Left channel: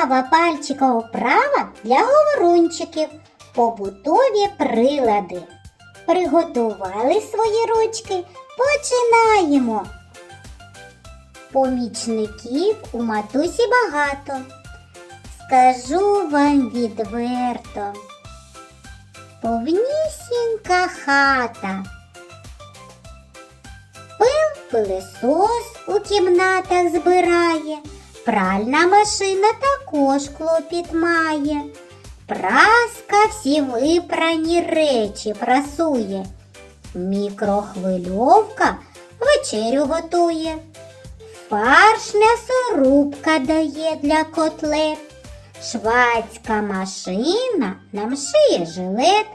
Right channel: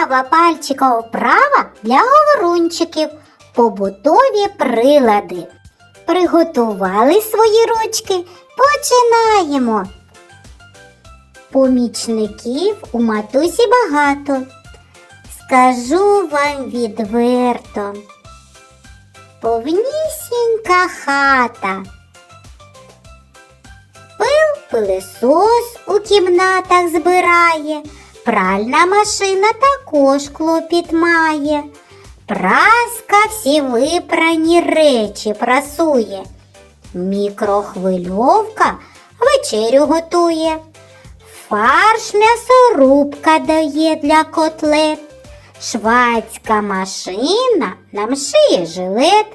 Цікава пальчикова вправа для говорунчиків. Побутові прилади. Приготували свої ручки. Починаємо. Помічників у матусі багато. Скажу вам відверто. Повнісінька хата. Пил пилисос у кімнатах збирає, пральна машина також клопіт має. Праска всі випрані речі прасує. Мікрохвильовка вечерю готує. Фарш м'ясорубка дає для котлет. Швацька машина нам шиє жилет.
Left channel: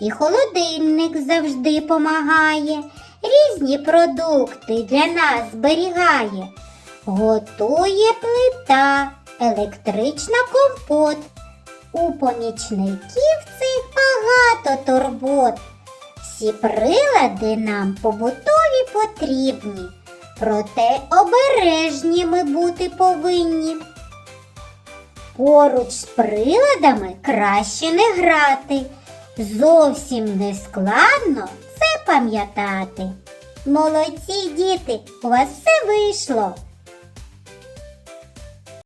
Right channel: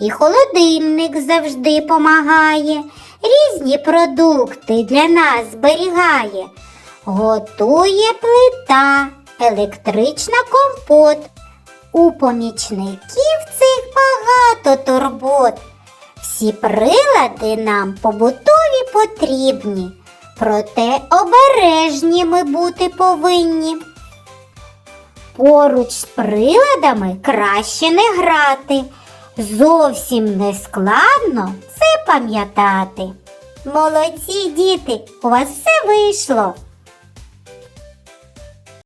І холодильник завжди помагає, різні продукти для нас зберігає. Готує плита, електрична компот. У помічників цих багато турбот. Всі прилади нам побутові потрібні, проте обережні ми бути повинні. Поруч з приладами краще не грати. Зовсім не складно це пам'ятати. Молодці діти, у вас все вийшло.